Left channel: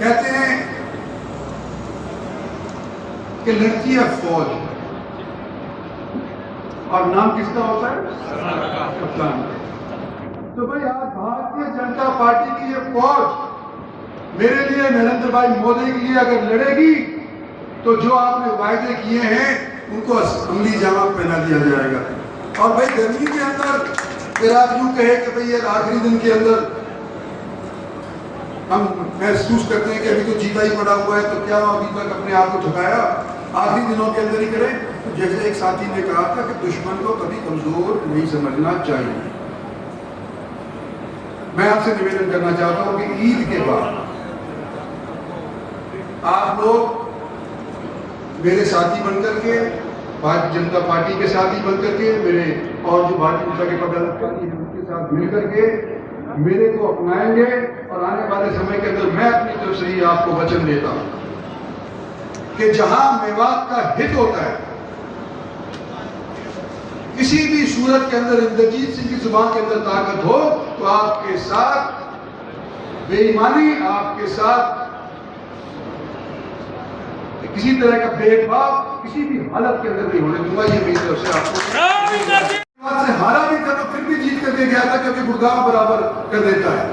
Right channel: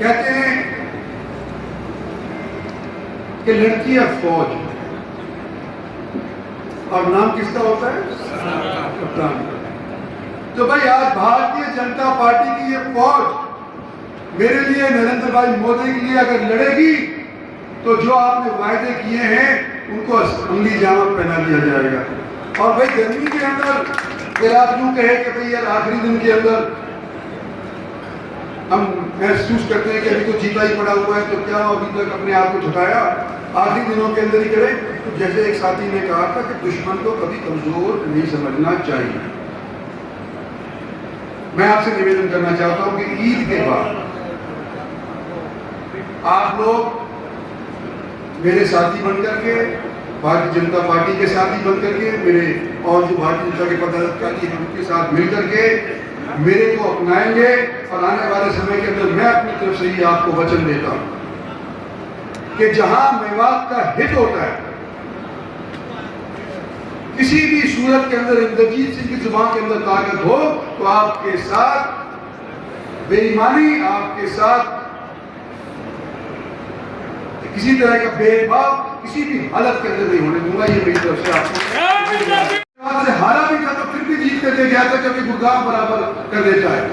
कहते हैं कि लड़की है फौज और नाम किसका होता है? कप्तान। तो भाई आज भारतीय जनता पार्टी की ये फौज मेरे लिए, नरेंद्र भाई मोदी के लिए अगर लड़ेगी तो जो आपने वायदे किए हैं उनको असली जामा पहना दिया जाएगा। और भाई गर्मी के अंदर फिर आप यूं कहे कि भाई यार आखिरी दिन के अंदर हम महसूस करते हैं कि अभी तो जीता ही पड़ा हुआ है, तो क्या अभी तक अपने आप को झुकाया, आखिरी दिनों के अंदर ही करें। तो जैसे एक साथी ने कहा था कि दुश्मन को कभी कमजोर नहीं समझना चाहिए। मैं आपसे निवेदन करना चाहता हूं कि ईद के बाद आप लोग मेरे साथी बनकर के, भारतीय जनता पार्टी के साथी बनकर के, मेरे और जो भारतीय जनता के पदाधिकारी हैं उनके साथ मिलकर के मेरे को अपनाएंगे और आने वाले समय के अंदर मैं अपनी तरफ से ही आपको वचन देता हूं कि जहां मेवात का हित होता है, किसी भी सूरत के अंदर इंद्रजीत सिंह की जुबान के अंदर ताकत हो तो आपके साथ बेईमानी, आपके साथ किसी तरह का भेदभाव किसी भी हालत के अंदर नहीं होने दूंगा। ये मेरी तरफ से आपको से हारा भी था तो फिर भी जीत कर दे गया था, क्योंकि गुरगांव बराबर कर देता है।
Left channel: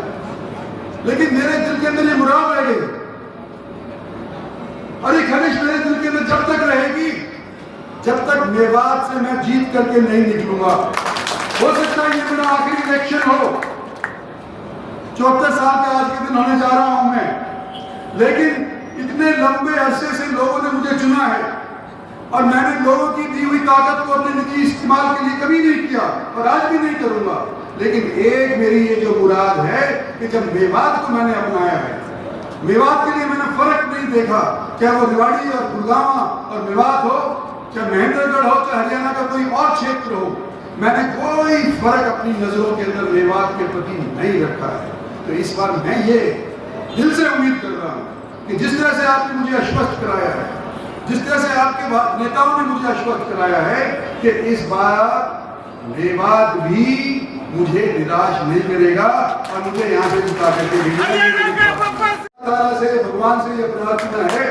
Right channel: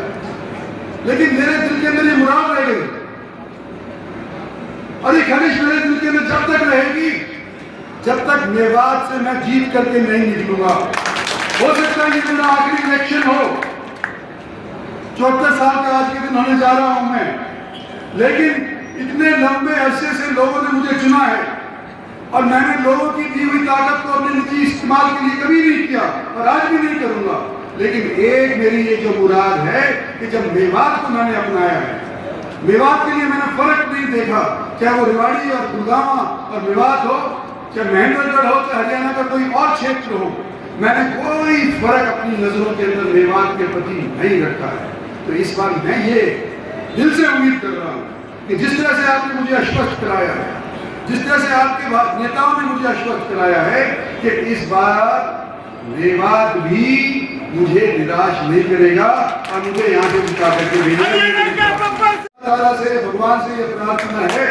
लेकिन मेरे दिल के अंदर ये मुराद रह गई और ये खनिश मेरे दिल के अंदर जब तक रहेगी जब तक मेवात से मैं जीत करके नहीं निकलूंगा। हो सकता है ये मेरा आखिरी इलेक्शन हो, 74 साल का आज के दिन होने जा रहा हूं मैं, लेकिन इतने लंबे अरसे से लोगों ने मुझे चुना है और मैंने लोगों की दी हुई ताकत को अपने निजी इस्तेमाल के लिए कभी नहीं किया और आज भी नहीं करूंगा। लेकिन एक मेरी ये जो मुराद है कि जब मेवात को मैंने अपनाया है, मेवात के लिए मैंने फर्क नहीं देखा, चाहे वो रेवाड़ी और गुड़गांव और मेवात हो, चाहे महेंद्रगढ़ हो, चाहे हरियाणा का कोई और क्षेत्र हो, मैंने कोई फर्क अपनी नजरों के अंदर मेवात के प्रति नहीं रखा है। तो इस बार मैं ये दिल से उम्मीद कर रहा हूं कि जिस तरह से आपने मुझे आश्वस्त कराया है, जिस तरह से आपके नेताओं ने मुझे आश्वस्त कराया है कि इस बार मेवात भी मुझे निराश नहीं करेगा और मुझे यहाँ से जिता करके भेजा से भगवान से ये प्रार्थना है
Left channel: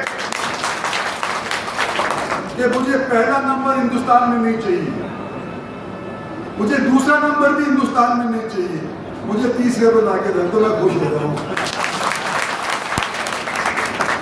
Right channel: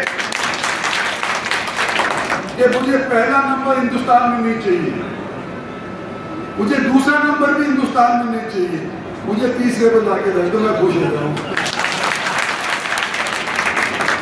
कि मुझे पहला नंबर हिंदुस्तान में नहीं चाहिए, मुझे दूसरा नंबर भी हिंदुस्तान में नहीं चाहिए, मुझे तीसरे पर लाके दे तो मैं खुश हो जाऊँ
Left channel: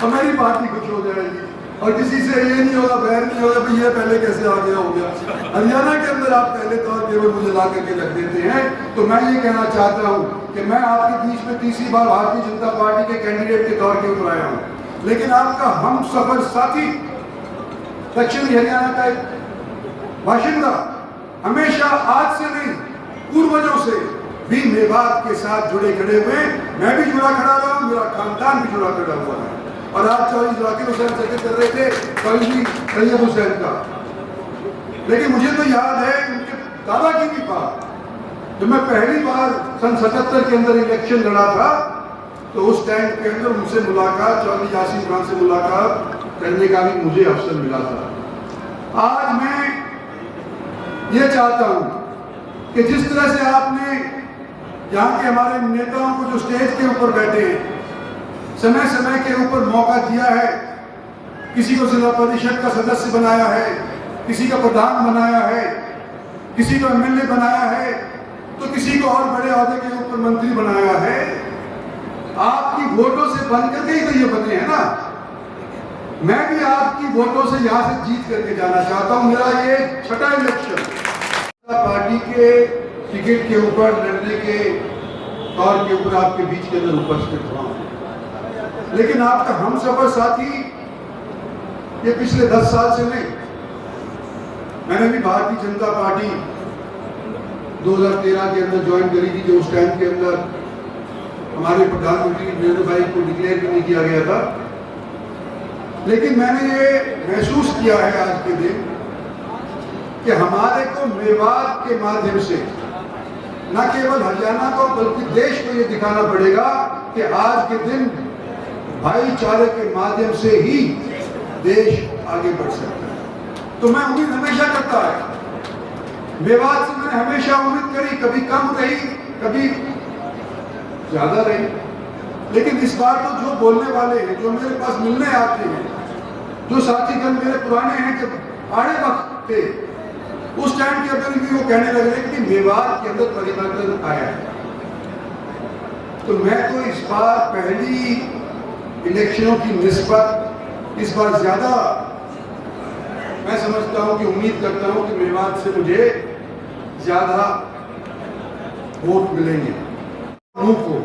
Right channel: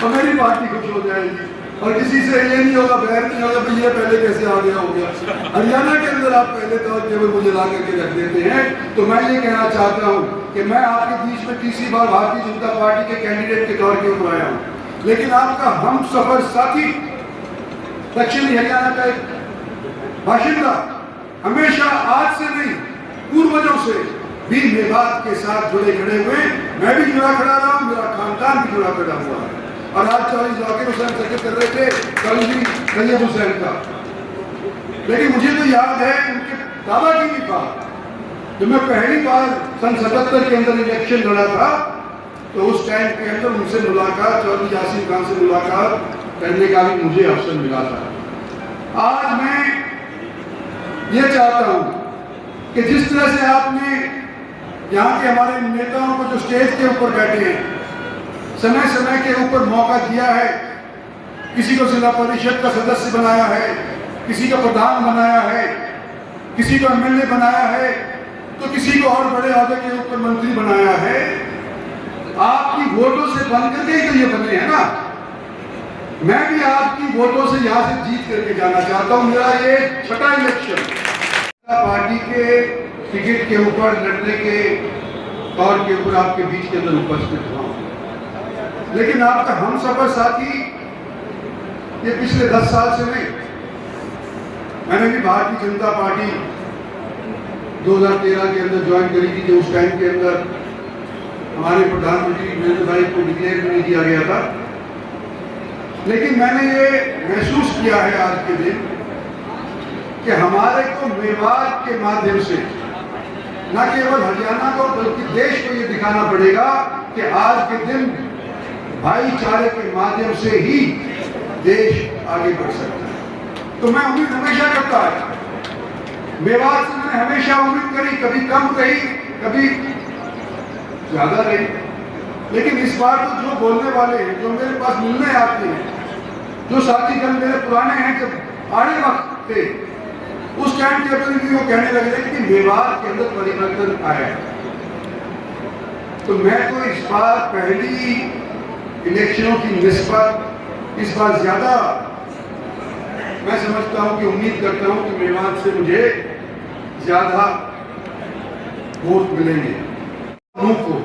और मेरी पार्टी खुश हो जाएगी और किसी से ये नहीं होगा, बैर नहीं होगा भाई ये पहले कैसे आ गया हो गया। हरियाणा के अंदर आप पहले तौर पे मुझे ला करके रख देते हैं। तो मैं ये कहना चाहता हूँ कि मैं आपके बीच में तीसरी बार भारतीय जनता पार्टी के कैंडिडेट के तौर पे आया हूँ, लेकिन आपका हम सफर साथी, दक्षिणी हरियाणा का एक बाशिंदा, हमेशा आज से नहीं पूर्वजों से भी मेवात के साथ जुड़े खड़े हुए, मैं भी जुड़ा खड़ा रहा हूँ, मेरा खानदान भी जुड़ा खड़ा हुआ है। और आज चौधरी जाकिर हुसैन जिक्र कर रहे थे कल भी तैयब हुसैन का, लेकिन मुझे तो याद है उनके दादा की भी बात, जब मैं पहली बार सन 77 के अंदर इलेक्शन लड़ा था तो उस टाइम के अंदर उनसे मुलाकात, चौधरी यासीन खान से मुलाकात करने का भी मुझे अवसर मिला था। आज मैं ये चाहता हूँ कि जिस तरह से आपने यहाँ के हमारे नेताओं को जो स्टेज के ऊपर बैठे हैं समय समय के ऊपर मौका दिया है, किसी को जिला परिषद का सदस्य बनाया है, किसी का प्रधान बनाया है, किसी को एमएलए बनाया है, तो किसी को और बड़े अहदे के ऊपर मंत्री बनाया है। आपकी वोटों से बन करके ही तो ये बने हैं ना। मैं भी आपकी वोटों से यहाँ से जीत करके जाना चाहता हूँ। मेरा ये छठा इलेक्शन पार्टी के टिकट के ऊपर लड़ने के तौर के ऊपर आपके बीच के अंदर उपस्थित हुआ, लेकिन आपका हम सफर साथी ये पिछले 10 साल से नहीं। मैंने भी भारतीय जनता पार्टी 2013 के अंदर ज्वाइन करी थी, जो उस टाइम के अंदर हमारे प्रधानमंत्री नरेंद्र भाई को डिक्लेयर नहीं किया गया था, लेकिन मैंने ये महसूस किया है आज के दिन कि हमारे को मेवात के माध्यम से न केवल हरियाणा को बल्कि देश को ये दिखाना पड़ेगा कि आज के दिन भाईचारे के माध्यम से ही देश आगे बढ़ सकता है। तो मैं उम्मीद हमेशा करता है, मेवात से मैंने हमेशा उम्मीद करी, कभी कम कही, कभी ज्यादा रही, लेकिन इस बार तो जो बोलने वाले हैं, जो मेरे पास मिलने आते हैं, जो साथीगण मेरे पुराने हैं, जब आड़े वक्त थे उस टाइम के अंदर भी वो कहने लगे कि मेवात के अंदर परिवर्तन आया। तो मैं तो इस बार पहली इलेक्शनों की निस्बत इस बार ज्यादा मैं समझता हूं कि उम्मीद करता हूं कि मेवात से मुझे ज्यादा वोट मिलेंगे को,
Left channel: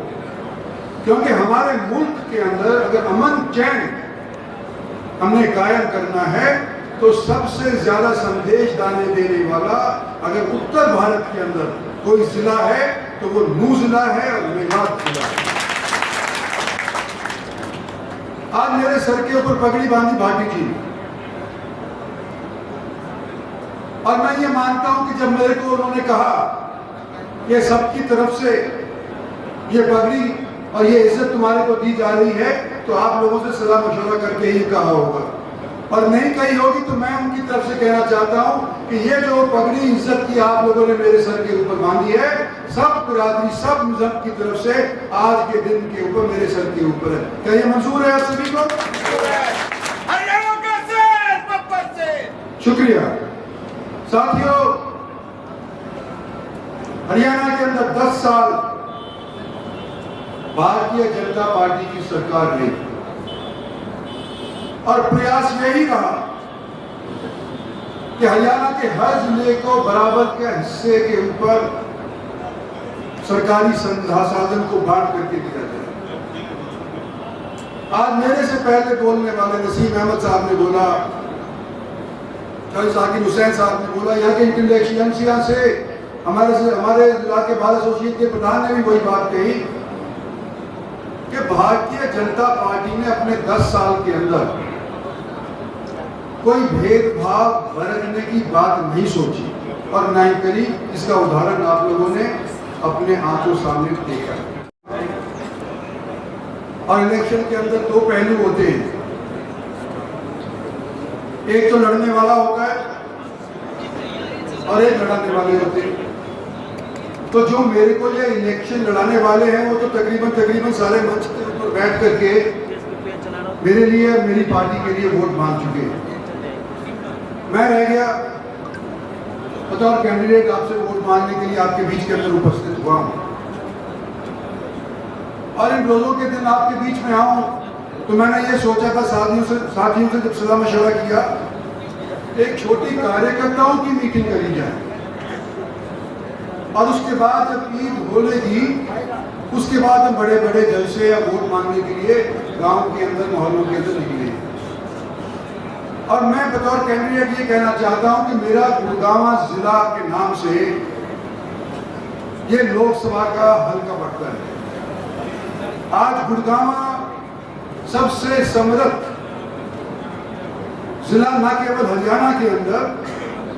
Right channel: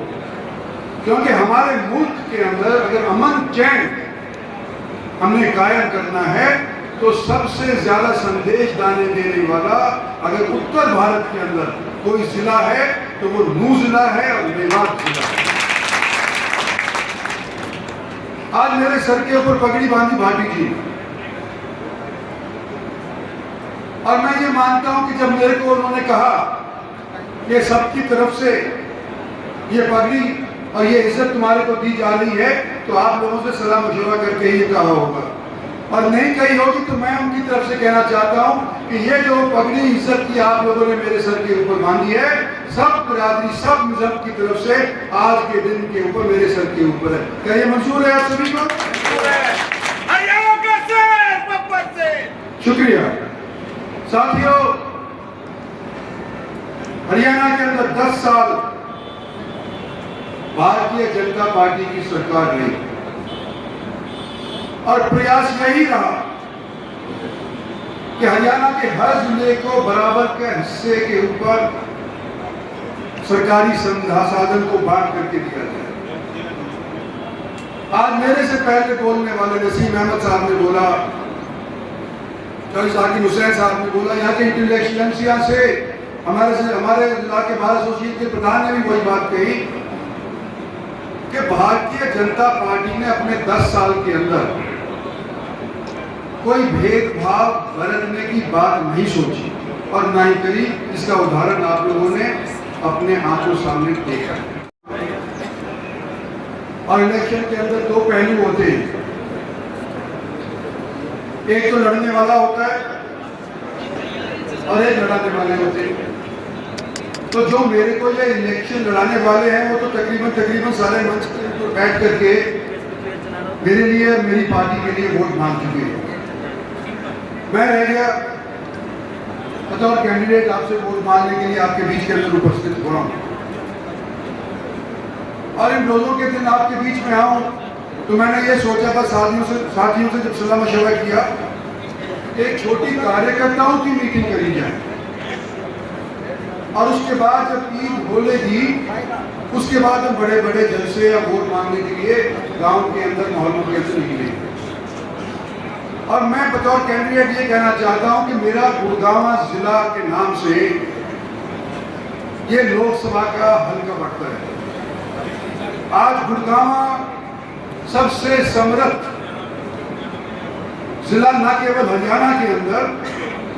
क्योंकि हमारे मुल्क के अंदर अगर अमन चैन हमने कायम करना है तो सबसे ज्यादा संदेश देने वाला अगर उत्तर भारत के अंदर कोई जिला है तो वो नूह जिला है और मेवात जिला है। आज मेरे सर के ऊपर पगड़ी बांधी भाटी जी, और मैं ये मानता हूं कि जब मेरे को उन्होंने कहा कि सबकी तरफ से ये पगड़ी और ये इज्जत तुम्हारे को दी जा रही है, तो आप लोगों से सलाह मशवरा करके ही कहा होगा, और नहीं कही होगी तो मैं उनकी तरफ से कहना चाहता हूं कि ये जो पगड़ी इज्जत की आप लोगों ने मेरे सर के ऊपर बांधी है, सब बिरादरी सब मजहब की तरफ से आज के दिन के ऊपर मेरे सर के ऊपर है। क्या ये मंजूर है आप सभी को? शुक्रिया साथियों। हरियाणा के अंदर 10 साल भारतीय जनता पार्टी की सरकार रही और प्रयास यही रहा कि हरियाणा के हर जिले को बराबर के हिस्से के ऊपर सरकारी संसाधन को बांट करके दिया जाए। आज मेरे से पहले बोलने वाले नसीम अहमद साहब ने बोला, साकिब हुसैन साहब ने बोला, यहाँ के इंटेलिजेंसिया से हमारे जिला के बार एसोसिएशन के प्रधान ने भी वही बात कही कि भारतीय जनता पार्टी ने अपने 10 साल के अंदर कोई भेदभाव बरतने की बात नहीं सोची और ना ही करी। इसका उदाहरण आप लोगों ने अपने आंखों सामने देखा है। और इलेक्शन के अंदर 2 पहलू होते हैं, एक तो लड़ने वाला होता है और एक लड़ाने वाले होते हैं। तो जो मेरे को ये इलेक्शन लड़ाने वाले हैं वो तो तकरीबन सारे मंच पर बैठ करके मेरे लिए मेरी पार्टी के लिए वोट मांग चुके हैं। मैं रह गया बतौर कैंडिडेट आपसे वोट मांगने के लिए आपके बीच के अंदर उपस्थित हुआ हूं, और इन रोजों के दिन आपके बीच में आऊं तो मैंने ये सोचा था साथियों से जब सलाह मशवरा किया, एक छोटी कार्यकर्ताओं की मीटिंग करी जाए और उसके बाद जब ईद बोलेगी उसके बाद हम बड़े बड़े जलसे या वोट मांगने के लिए गांव के अंदर मोहल्लों के अंदर निकलेंगे। और मैं बतौर कैंडिडेट ये कहना चाहता हूं कि मेरा गुड़गांव जिला के नाम से ये लोकसभा का हल्का पड़ता है। आज गुड़गांव सबसे समृद्ध जिला न केवल हरियाणा के अंदर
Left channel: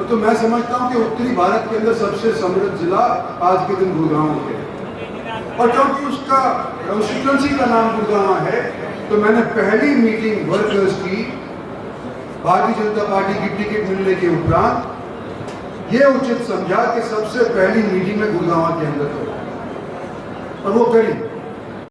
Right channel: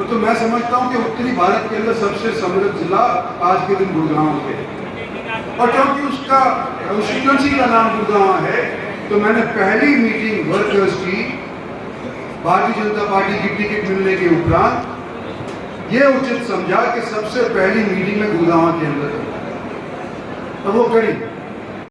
तो मैं समझता हूं कि उत्तरी भारत के अंदर सबसे समृद्ध जिला आज के दिन गुड़गांव है। और क्योंकि उसका कॉन्स्टिट्यूएंसी का नाम गुड़गांव है तो मैंने पहली मीटिंग वर्कर्स की भारतीय जनता पार्टी की टिकट मिलने के उपरांत ये उचित समझा कि सबसे पहली मीटिंग में गुड़गांव के अंदर और वो करी।